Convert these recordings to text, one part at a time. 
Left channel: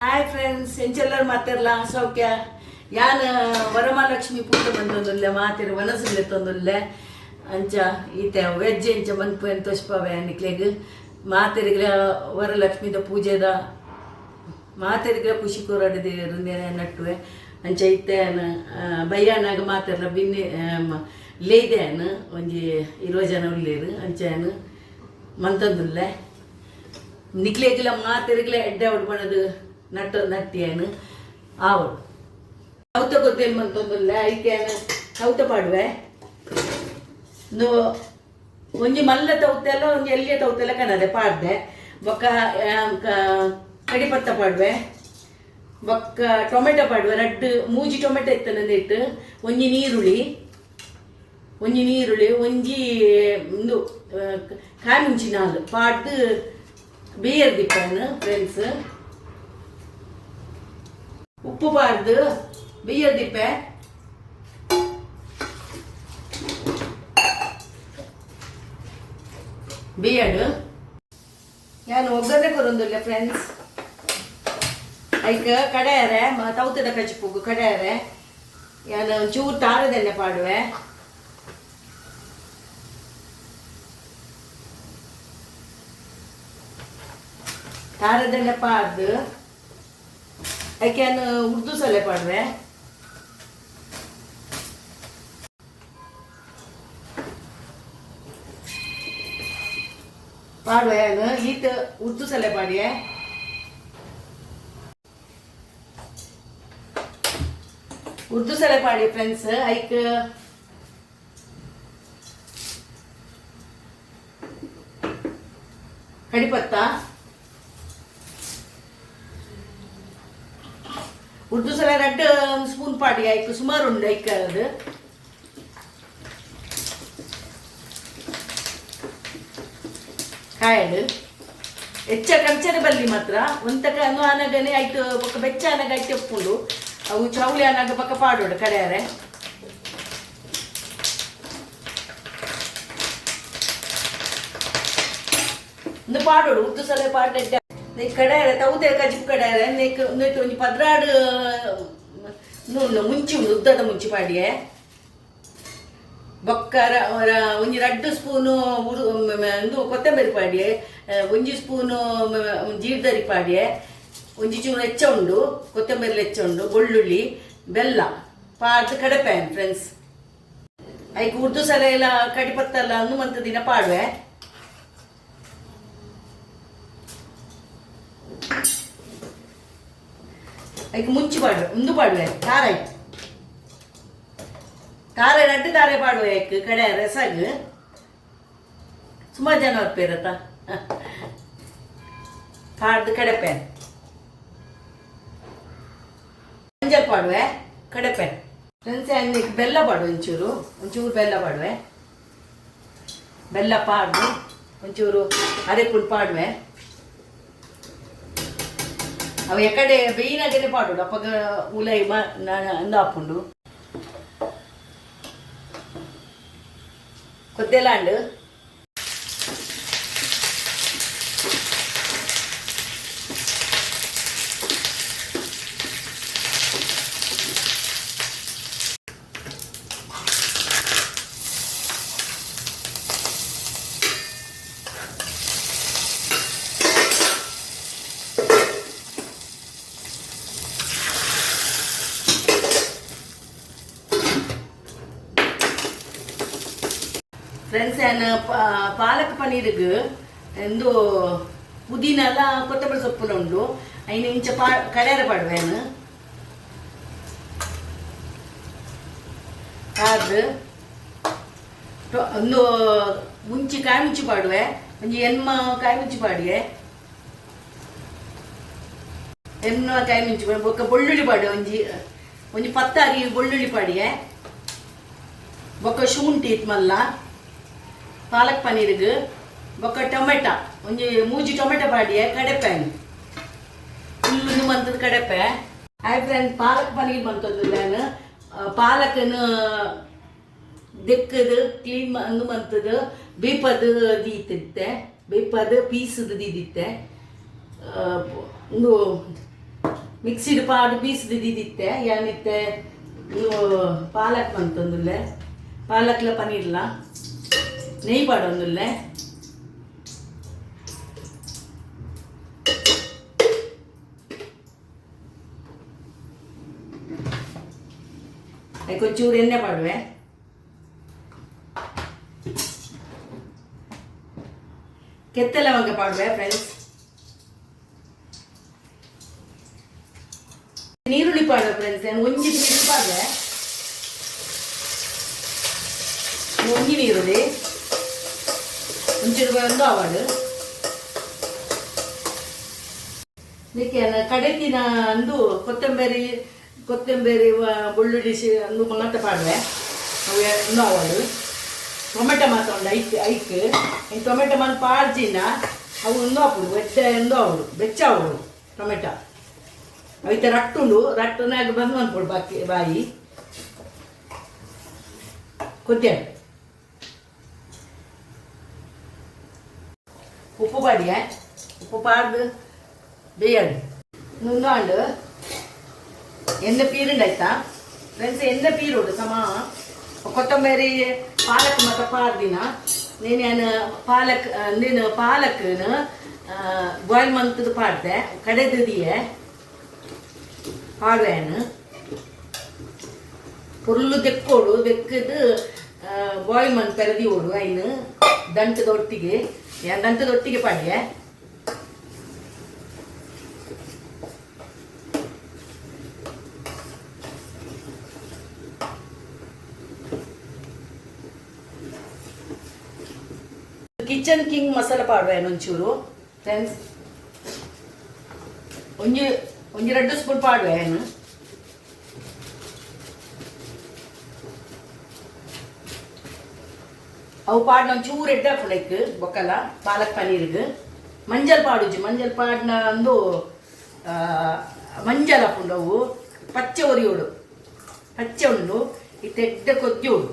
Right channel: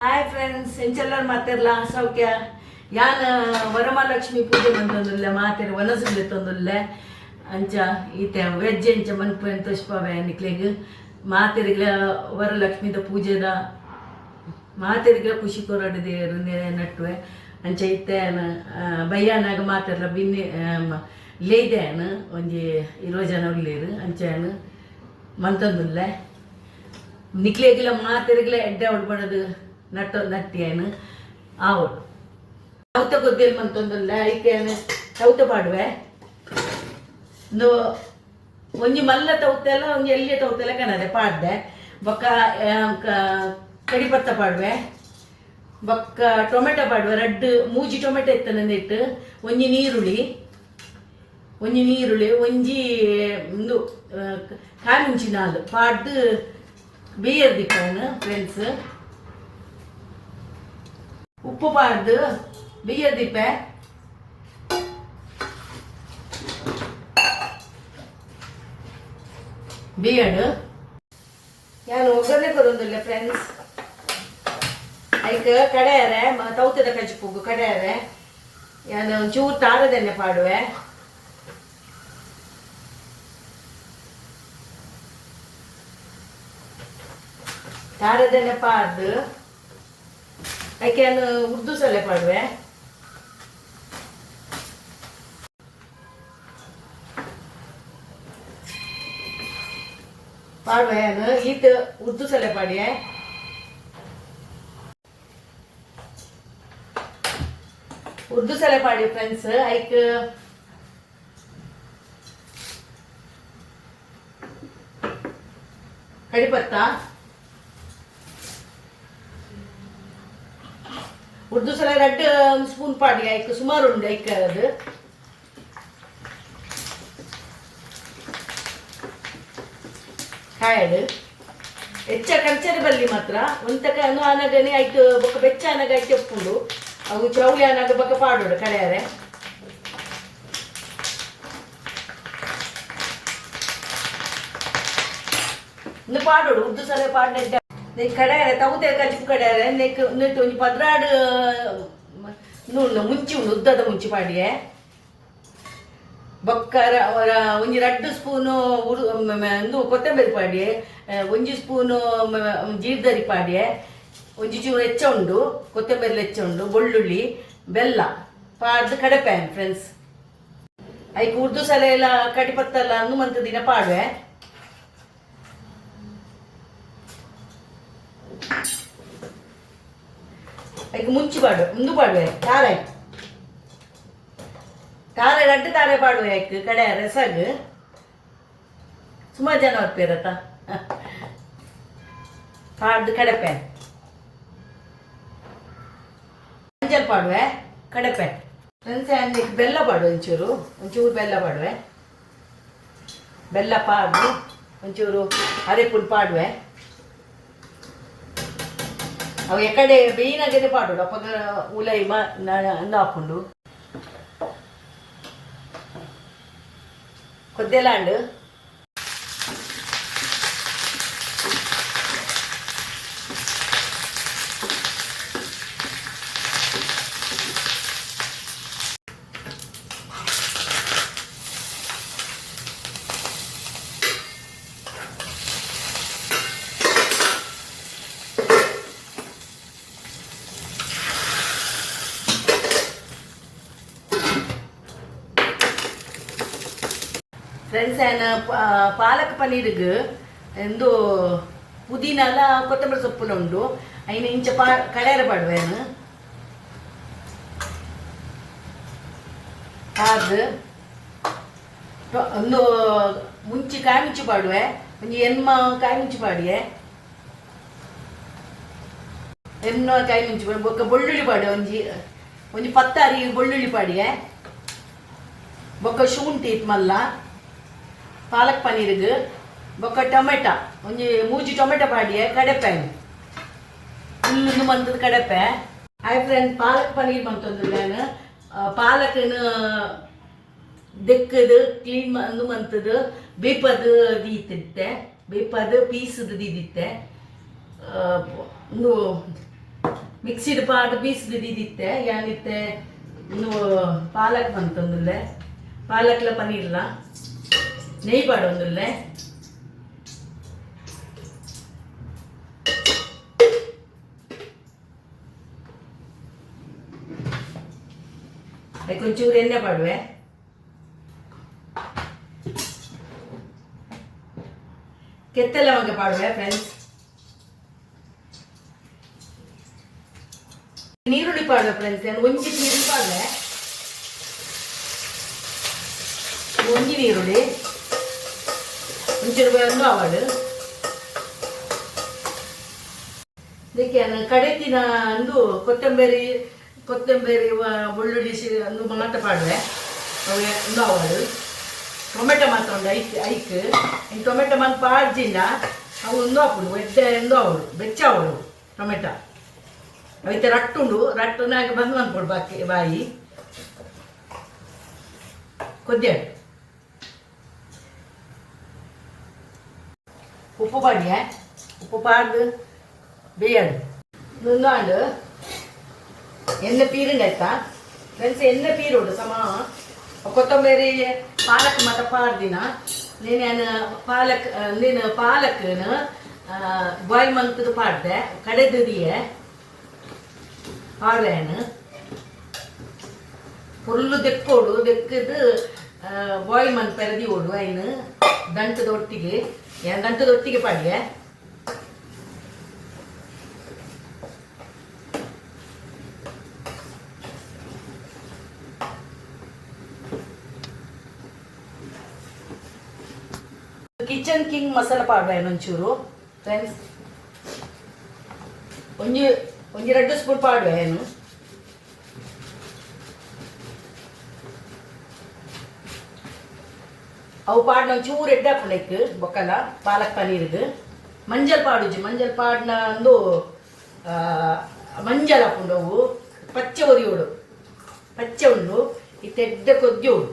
hi friends ಎಂಚೆಲ್ಲರೂ ಮಾತಾಡಲ್ಲ ಸೌಖ್ಯ ಯಾನ್ ವರಮಹಾಲಕ್ಷ್ಮಿ ಪೂಜೆ ಬಂದೊಂದುಲ್ಲೆ ಮಾತಿರ ವನಸುಲ್ಲೆ ತಂದುಲ್ಲೆ ಅಂಚ ಈತೆ ವೆಜ್ ಎಂಚ ಮನ್ಪು ಎಂತ ತೋಷ್ಪವೆ ನಿಕ್ಲೆಗ್ ಮಾತಿರಿಗ್ಲ ವರಲಕ್ಷ್ಮಿದ ಪೂಜೆದ ಮಾತಿರಿಗ್ಲ ಖುಷಿ ಕೊರಡು ದೇವರು ನಟ್ಟುವೆ ಅಂಚ ಇತ್ತೆ ಬಯ್ಯಾನಾಗ ಮಾತಿರಲ್ಲ ಬಿನ್ನಿ ಲೇದೇನು ಒಂಜಿ 20 ಜನ ಉಳ್ಳೇರು ಅಂಚೆನು ಮಂತಂದುಲ್ಲೆ ನಿಕ್ಲೆಗ್ಲ ಮಾತಿರಿಗ್ಲ ಎಡ್ಡೆ ಉಡ್ಬಣದು ನಟ್ಟಿಯೇನು ಆವಡು ಸೌತ ಗೊತ್ತೇನು ಮಂತೊಂದುಲ್ಲ ಐಕೇನು ಸೌತ ಪಾಡುವೆ ಒಂಜಿ ಮಲ್ಲ ತೌತೆಲ್ಲ ಒಂಜಿ ಎಲ್ಲಿಯ ತೌತೆಲ್ಲ ಕನದೆ ಪಾಡ್ದೆ ಬೊಕ್ಕ ಕಡಿಪತ್ತ ಪಾಡುವೆ ಬೊಕ್ಕ ಟೊಮೆಟೊ ಪಾಡುವೆ ರಡ್ಡು ಮೂಜಿ ಟೊಮೆಟೊ ಎತ್ತನಂದಿಟ್ಟು ಒಂಜಿ ನೀರುಳ್ಳಿ ಒಂಜಿ ಒಂದು ಕಾಮಿಂಚಿ ನಾಲ್ ಪಾಡ್ದು ಬೇಯರ್ ದಿಪ್ಪನು ಫ್ರೆಂಡ್ಸ್ ಉಪ್ಪು ಪಾಡ್ದು ಬೇಯರ್ ದಿಪ್ಪೆ ಬೇಯಡು ನಾನು ಒಗ್ಗರಣೆ ಕೊರೊಂದಿಲ್ಲ ಫ್ರೆಂಡ್ಸ್ ಐಕ ಕಡೆಯರೆ ತೌತದ ಕಚ್ಚಿಪುಗು ಕಡೆಯರೆ ನಾನು ಒಂಚೂರು ತಾರದೆಣ್ಣೆ ಪಾಡುವೆ ತಾರದೆಣ್ಣೆ ಪಾಡ್ದು ಅದಕ್ಕೆ ಉರ್ದು ಸೊಲೆ ಪಾಡುವೆ ಈತ ಉರ್ದು ಸೊಲೆ ಪಾಡಿಯೆ ಉರ್ದು ಸೊಲೆ ಪಾಡಿ ಫ್ರೆಂಡ್ಸ್ ಐಕ್ ಕಡಿಪತ್ತ ಉರ್ದು ಸಲ 2 ಸ್ಪೂನ್ ಪಾಡಿ ಆಯ್ತು ಸುಮಾರು ಉಂಡು ಐಕ್ ಅದು ಕಾಯಡು ಹೆಚ್ಚ ಕಂಚನ ಬಲ್ಲಿ ಮಾತ್ರ ಒಂತಕ ಆನಗನೆ ಆಯ್ತು ಬೊಕ್ಕ ಬೆಚ್ಚ ಆನಗ ಆಯ್ತು ಒಪ್ಪುಂಡು ಅವು ಪ್ರೌಳಿ ಆನಾಗ ಬೊಕ್ಕ ಪಾಡೋಡು ಕಡೆಯರೆ ಒಂದು ಪಾಡೋಡು ಉರ್ದು ಸಲ ಪಾಡ್ಲಿದ್ದ ಕಡೆಯರೆ ತೌತೆ ಕಜಿಪು ಕಡೆಯರೆ ನೆಟ್ಟು ಒಂಜಿ 16 ನೂಲು ಮುಂಚಿ ಉಂಡು ಉದ್ದದ ಮುಂಚಿ ಪಾಡಿಯೆ ಬೊಕ್ಕ ಒಂಜಿ 2 ಸ್ಪೂನು ಇದು ಕೊತ್ತಂಬರಿ ಪಾಡಿಯೆ ಒಂಜಿ ಸ್ಪೂನು ಜೀರ್ದರಿ ಪಾಡಿಯೆ ಒಂಜಿ ಚೂರು ಹೆಚ್ಚ ಉಂಡು ಕೊತ್ತಂಬರಿ ಹೆಚ್ಚ ಉಂಡು ಬೆಳ್ಳುಳ್ಳಿ ಬೆಲ್ಲ ಪಾಡ್ದು ಕಡಪೆ ಫ್ರೆಂಡ್ಸ್ ಐಕ್ ಉರ್ದು ಸಲ ಎಲ್ಲ ಕಡಿಪತ್ತಲ್ಲ ಹನುಮಂತ ದಿನ ಪಾಡುವೆ ಅದಕ್ಕೆ ಮುಂಚಿ ಪಾಡುವೆ ಮುಂದು ಪಾಡುವೆ ತಾರ ರಡ್ಡು ತಾರೆ ಪಾಡುವೆ ಐಕ್ ಕಡೆ ರಸಗ್ ಸುಮಾರು ಜನ ಹೊರ್ಪೇರತ್ತ ಪಾಡ್ದು ಕಡಪೆ ಮಂಜಲ್ ಪಾಡುವೆ ಕಡಪೆ ಫ್ರೆಂಡ್ಸ್ ಬೆಲ್ಲ ಪಾಡುವೆ ಒಂಚೂರು ಬೆಲ್ಲ ಪಾಡುವೆ ಬೆಲ್ಲ ಪಾಡ್ದು ಒಂಚೂರು ಅರೆಪುಲ್ ಪಾಡುವೆ ಅವು ಎಕಡೆ ಬೇಯಿನಾಗನೆ ಪಾಡೋಡು ಅಪ್ಪಗ ಉಲೈ ಅಂದು ಹಾಕೊಂಡು ಕೊದ್ದೆಲಾಂಡು ಫ್ರೆಂಡ್ಸ್ ಏನು ಪಾಲಕ್ ಪನ್ನೀರ್ಗೆ ಎಂದು ಪುದೀನ ಎಲ್ಲ ಕೊತ್ತಂಬರಿ ಸೊಪ್ಪುನ ಉಂಡು ಐನು ಇಂಚ ಕಡೆಯರ ಪಾಡುವೇನು ಅದು ಒಂದು ಮುಂಚಿ ಕಾಯಿ ಮುಂಚಿ ಪಾಡುವೆ ಒಂಜಿ ಎನ್ಮ ಕಾಯಿ ಮುಂಚಿ ಪಾಡಿಯೆ ಎನ್ನ ಕಾಯಿ ಮುಂಚಿ ಪಾಡು ಬೊಕ್ಕ ಬೆಳ್ಳುಳ್ಳಿ ಪಾಡುವೆ ಒಂಜಿ 10 ಬೆಳ್ಳುಳ್ಳಿ ಪಾಡಿಯೆ ಬೊಕ್ಕ ಶುಂಠಿ ಮಲ್ಲ ಪಾಲಕ್ ಪನ್ನೀರ್ಗೆ ಬೊಕ್ಕ ಟೊಮೆಟೊ ಒಂಜಿ 3 tomato ಪಾಡಿಯೆ ಕಡೆಪೆ full ಮಂತದ ಕಡೆಪೆ hi friend palak paneer ಮಂತಂದು ಪಾಲಕನ ದೆಕ್ಕದು clean ಮಂತದ ಬೇಪದು ದೀತಿತ್ತೆ ಬೇಪದು ಪೀಸದು ದೀದಿತ್ತೆ ಒಂದು ಮಿಕ್ಸಿಡ್ ಪಾಡು ಪೀಸ್ ದಿದ್ದಿತ್ತೆ ಯಾನಿತ್ತೆ ನೀವು ಪಾಲಕ್ ಬಂತೊಂದುಲ್ಲೆ ಪಾಲಕ್ಲ ಪನೀರ್ಲ ನೆಯ್ ಪಾಡೊಂದುಲ್ಲೆ కొంచెం ఎన్నె పడవే ಕೆತ್ತೆ ಲವಂಗ ಪಾಡುವೆ ಫ್ರೆಂಡ್ಸ್ ನೀರುಳ್ಳಿ ಪಾಡುವೆ ಫ್ರೆಂಡ್ಸ್ ಒಂಜಿ ನೀರುಳ್ಳಿ ಪಾಡುವೆ ಒಂಜಿ ನೀರುಳ್ಳಿ ಒಂಚೂರು ಒಂದು ಆವಾಡು ಇದಕ್ಕೆ ಕಡೆತಿನ ಅಂದು ಕೊತ್ತಂಬರಿ ಬೆಳ್ಳುಳ್ಳಿ ಅಂದು ಮಾತ್ರ ಪಾಡುವೆ ಅವು ಇನ್ನೂ ಆವಾಡು ಟೊಮೆಟೊ ಮಾತ್ರ ಒಂದು ಐಕ್ ಈ ಟೊಮೆಟೊ ಮಾತ್ರ ಪಾಡ್ಜಿನ ಅವು ಇನ್ನೂ ಹಾಕೊಂಡು ಎಡ್ಡೆ ಎಂದೂ ಅವಳು ಬೆಚ್ಚ ಅವಳು ಟೊಮೆಟೊ ಅವೈತೆ ರಟ್ಟುಂಡು ರಟ್ಟನಾಗ ಬಂದು ಅನ್ಕೊಡು ಬಾಯಿ ಕೊದ್ದೆ ಉಪ್ಪು ಪಾಡಿಯ ಉಪ್ಪು ಪಾಡು ಬೇಯದು ಇನ್ನೊಂದು ಎಣ್ಣೆ ಪೀರುಂಡಾಯ್ತಾ ಫ್ರೆಂಡ್ಸ್ ಎಣ್ಣೆ ಪೀರುಡು ಸಮ ಕೊತ್ತಂಬರಿ ಪಾಲಕ್ ಮತ್ತು ಪಾರ್ದಿನ ನೀನು ಪಾಲಕ್ನ ಬಾಯ್ಲ್ ಮಂತದ್ದು ಪಾಡ್ದೆ ಕಡೆದಿದೆಯೇ ಪಾಡುವೇನು ಫುಲ್ಲು ದೆಕ್ಕೋಡು ದೆಕ್ಕದು ಬಾಯ್ಲ್ ಮಂತ್ ಪೆರದಿ ಓಡು ಐನು ದಂಟದೊಟ್ಟಿಗೆ ಪಾಡ್ದೆ ಕಿಚನ್ ಕಿಂಗ್ ಮಸಾಲ ಪಾಡುವೆ ಒಂಚೂರು ಫ್ರೆಂಡ್ಸ್ ಒಂಜಿ 2 ಸ್ಪೂನ್ ಪಾಡುವೆ ಏನು ಅವು ಪಾಡ್ನ ಒಂಚೂರು ಎಡ್ಡೆ ಹಾಕೊಂಡೈಕ್ ಬೊಕ್ಕಲ ಪಾಲಕ್ ಪನೀರ್ಗೆ ಮಂಜಲ್ ಪಾಡುಜಿ ಮಂಜಲ್ ಪಾಡ್ನ ಒಂದು ಮಂಜಲ್ ಹಾಕೊಂಡು ಅವು ಪಚ್ಚೆ ಒರಿಯೋಡು ಪಚ್ಚೆ ಉಂಡು ಇತ್ತು ಎಡ್ಡೆ ಕೊದ್ಯೋಡು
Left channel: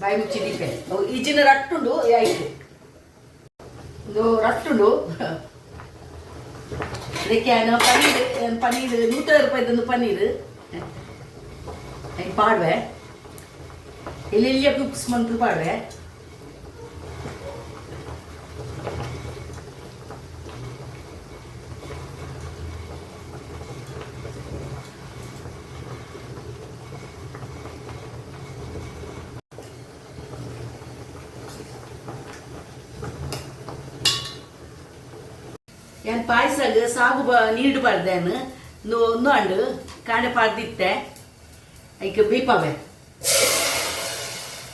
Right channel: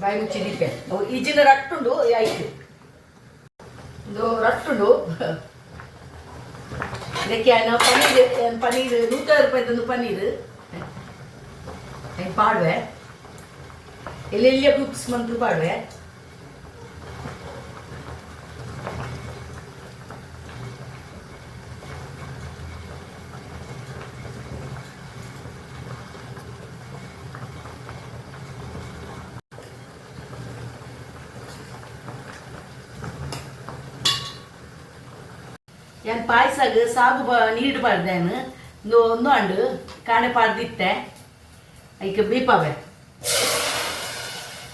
ಬಾಯಿ ಮುಚ್ಚಿದಿತ್ತೆ ಈಜಿನ ರಟ್ಟುಂಡು ಆಯ್ತು ಒಂದು ರಟ್ಟುಂಡು ಅದಕ್ಕೆ ಪನೀರ್ 100 ರೂಪಾಯಿದೊಂದು ಪನೀರ್ ಪಾಡುವೆ ಎಲ್ಲೆಲ್ಲಿಯ ಬುಕ್ಸ್ ಮಂತು ಪಾಡುವೆ ഞാൻ പായസക്ക് സാഗു നീട് പാടുതേന്ന് ഒന്നുണ്ട് കാണെ പാടിത്തെ അതിക്ക് ബീപ്പാവെ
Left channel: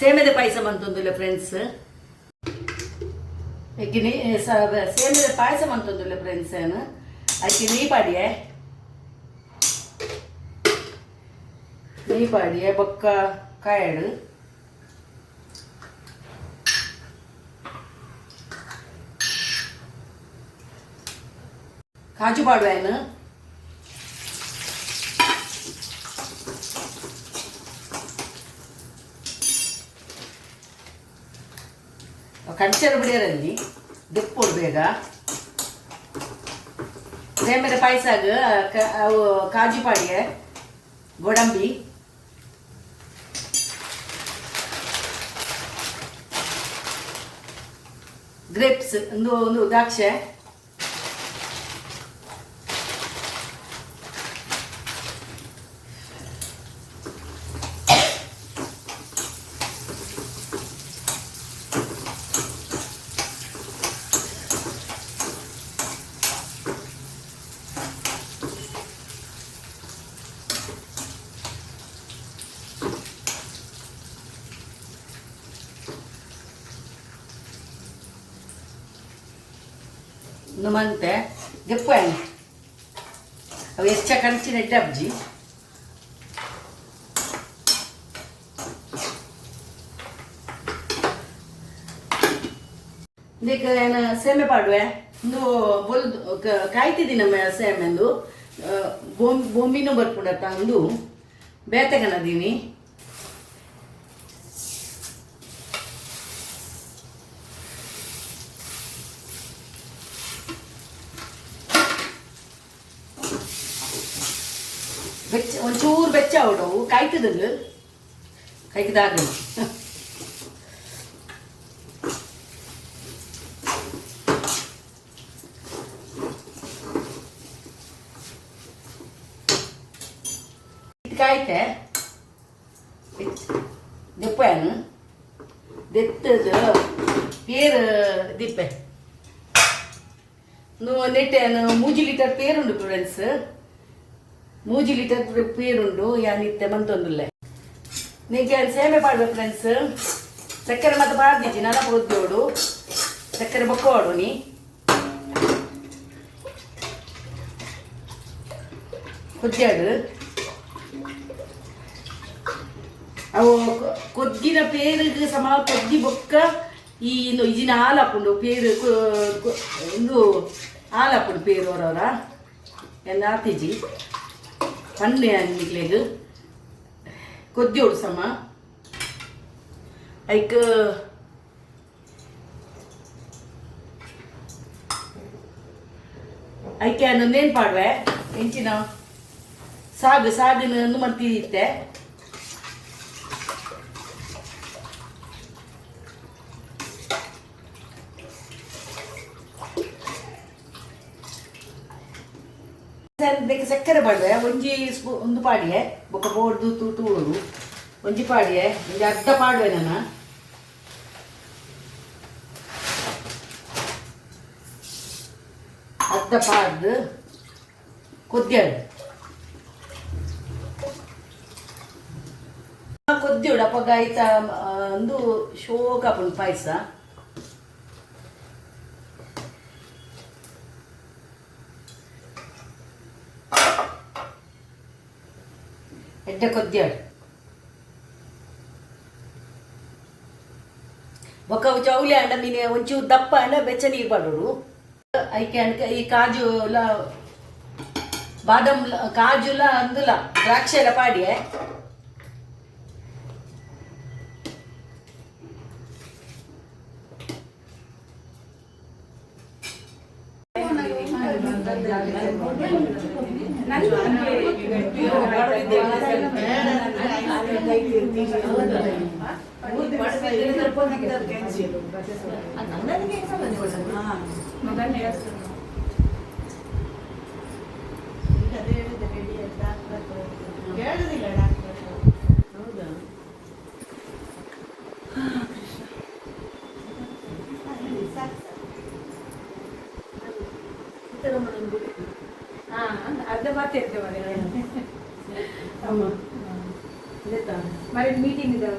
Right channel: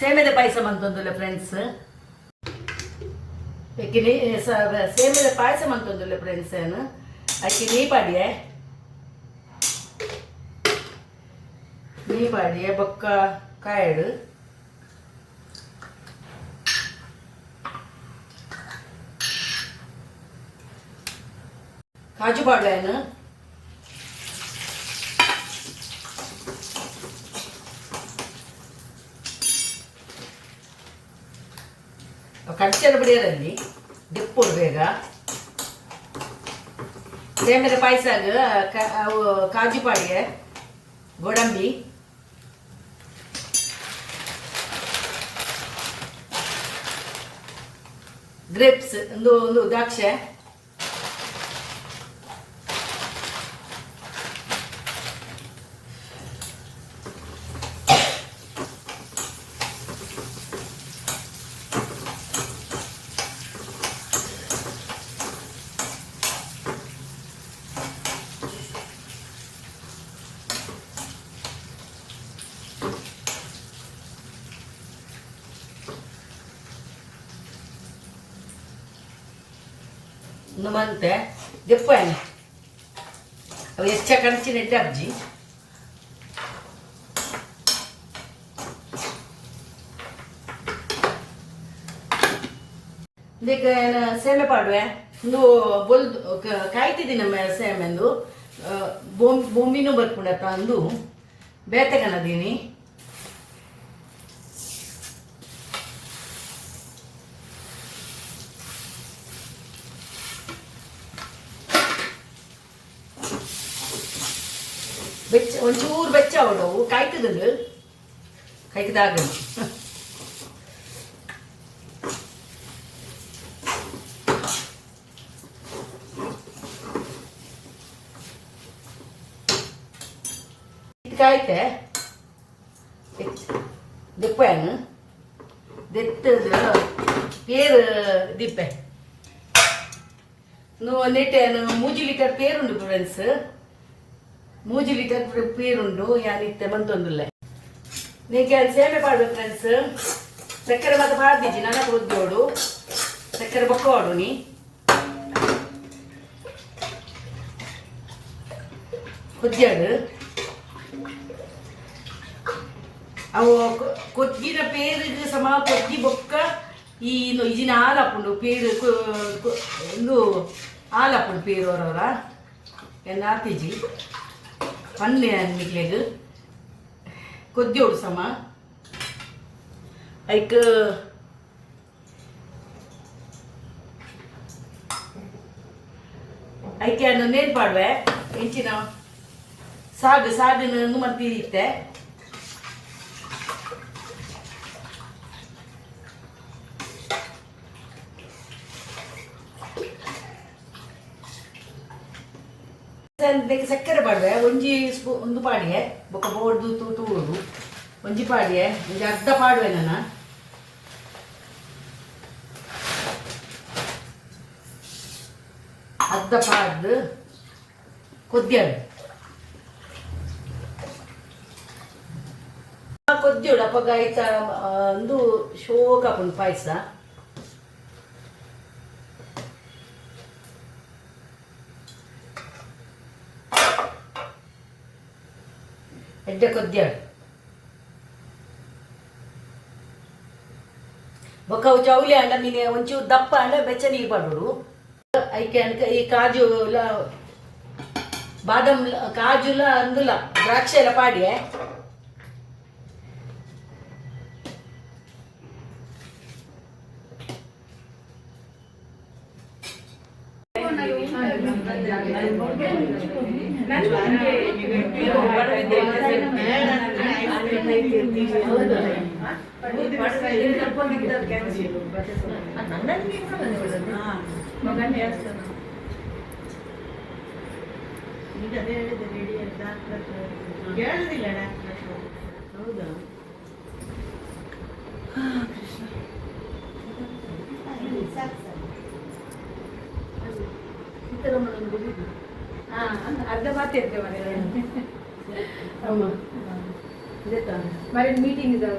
ಸೇಮೆದ ಪಾಯಸ ಮಂತೊಂದುಲ್ಲ ಫ್ರೆಂಡ್ಸ್ ಸೇಮೆದ ಪಾಯಸ ಮಂತೊಂದುಲ್ಲ ಫ್ರೆಂಡ್ಸ್ ಏನು ಅದಕ್ಕೆ ನೀ ಪಾಡಿಯೆ ಬೊಕ್ಕ ಕಾಯಡು ಕಾಜು ಪಾಡುವೇನು ಕಡ್ಚರ ಬಿಡಿಯರಲ್ಲಿ ದೆಪ್ಪೋಡು ಬೇಗ ಸೇಮೆದ ಪಾಯಸಾಗ ಅವು ಕಾಜು ಪಾಡಿಯೆ ಗೋಡಂಬಿ ಗ್ರೇಪ್ಸ್ ಒಂದು ದ್ರಾಕ್ಷೆ ಮಂತೆ ದೆಪ್ಪು ಅವು ಎಷ್ಟ ಕಣಚಿನ ಅಜ್ಜಿ ಇದಕ್ಕೆ ಸೇಮೆ ಪಾಡುವೆ ಒಂದು ಕಾಯ್ತಿದ್ದೀನಿ ನಮ್ಮ ಸೇಮೆಂದು ಬೊಂಬಿನೂ ಬರ್ಕೊಂಡತ್ತ ಅಂದು ಬೇತೆಗನದೀನಿ ಬೆಚ್ಚ ಒಂಚೂರು ಬೆಚ್ಚ ಅವಡವು ಕಾಯ್ತದಂದು ಕೈಕದಾಗ ಕಾಯ್ತೆ ದೆಪ್ಪನು ದೆತ್ತದ ಏರು ದಿಪ್ಪೆ ನೆಟ್ಟೆನು 3 ಲೀಟರ್ ಪೇರುಂಡು ಫ್ರೆಂಡ್ಸ್ 3 ಲೀಟರ್ ಪೇರುಂಡು ಯಾನಿತ್ತೆ ಮಂತೊಂದುಲ್ಲ ನಿಂಗೆ ಸೇಮೆ ಪಾಡ್ಬೇಕು ಫ್ರೆಂಡ್ಸ್ ಸಕ್ಕರೆ ಮತ್ತೆ ಪಾಡ್ದಿಜ್ಜಿ ನಡ ಕೊದ್ದೋಡು ಸಕ್ಕರೆ ಬೊಕ್ಕೋಡು ನೀ ಕೊದ್ದಾಡು ಅವು ಕೊದ್ದಿನ ಪೇರಿಗೆ ಸಮ ಕೊದ್ದಿ ಬೊಕ್ಕ ಈ ಇಜಿನ ಹಾಲಾಪುಂಡು ಪೇರು ಒಂದು ಹಾಲಾಪುಂಡು ಪೇರು ಅವರವರ ಎಲ್ಲ ಆತಿಜಿ ಪನ್ನೆ ನಿಕ್ಲೆಗ್ ಕೊದ್ದೋಡು ಸಮ ಐಕ್ ಐಕೆ ನೇನ್ ಪಾಡ್ವೆ ಹೆಂಚಿನ ಸಾಗು ಮರ್ತಿದ್ದೆ ಸಕ್ಕರೆ ಪಾಡ್ವೆ ಒಂಜಿ ಒಂದು ಪಾಡಿಯೆ ಬೊಕ್ಕ ಬೋರ್ದು ತೂಳು ಒಂಜಿ ಪಾಡಿಯೆ ಒಂಜಿ ಅರ್ಧ ಪಾಡ್ವೆ ನಾನು ಅರ್ಧ ಪಾಡ್ದು ಕೊದ್ದೆಡು ಕೊದ್ದೆಡು ಅಪ್ಪಗ ಆಯ್ತ ಒಂದು ಶೋಕಾಪುಂಡು ಪಾಯಸ ಎಡ್ಡ ಕೊದ್ದಾಡು ಬೊಕ್ಕ ಚೌಲಿ ಅಂಡ ಮೀನೆ ಒಂಚೂರು ದಪ್ಪ ಅಂಡ ಬೆಚ್ಚ ನೀರು ಪಡೋಡು ಐಕೆ ಈ ಕಾಜು ಬಾದಾಮ್ ಕಾಜುಲ ಅಂದುಲ ದ್ರಾಕ್ಷಿ ಎಲ್ಲ ಪಾಡಿಯೆ ಅರ್ಧ ಮಾತಿರ್ತೇವೆ మరి మీటింగ్ ಇದು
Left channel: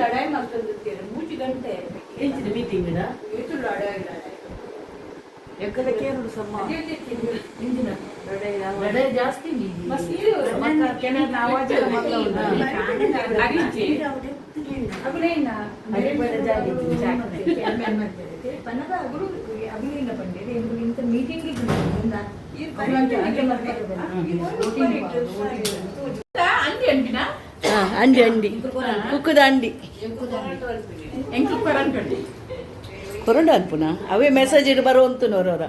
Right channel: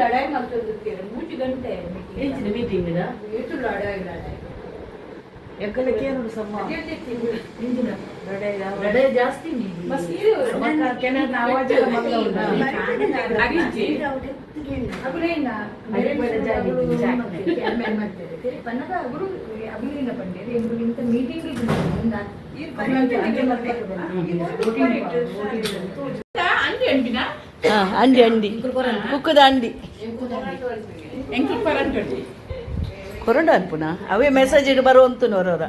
ಲಡಾಯಿ ಮಾಡ್ಕೊಂಡಿರ್ತೀರ 3 ಗಂಟೆ ಮೀಟಿಂಗ್ ಇದು ಲಡಾಯಿ ಎಕ್ಕಲಕ್ಕೆ ಸಮ್ಮ ಲಡಾಯಿ ಜಾಸ್ತಿ పన్నగా అప్పుడు అభినయ పండేది ఇంత మీటింగ్ అండి అండి కుక్కుద అండి ಕೊರಂಡ ಅನ್ಪುನ ಅವೇ ಮೆಸೇಜ್ ಇಡು ಬರುವಂತನವರವರ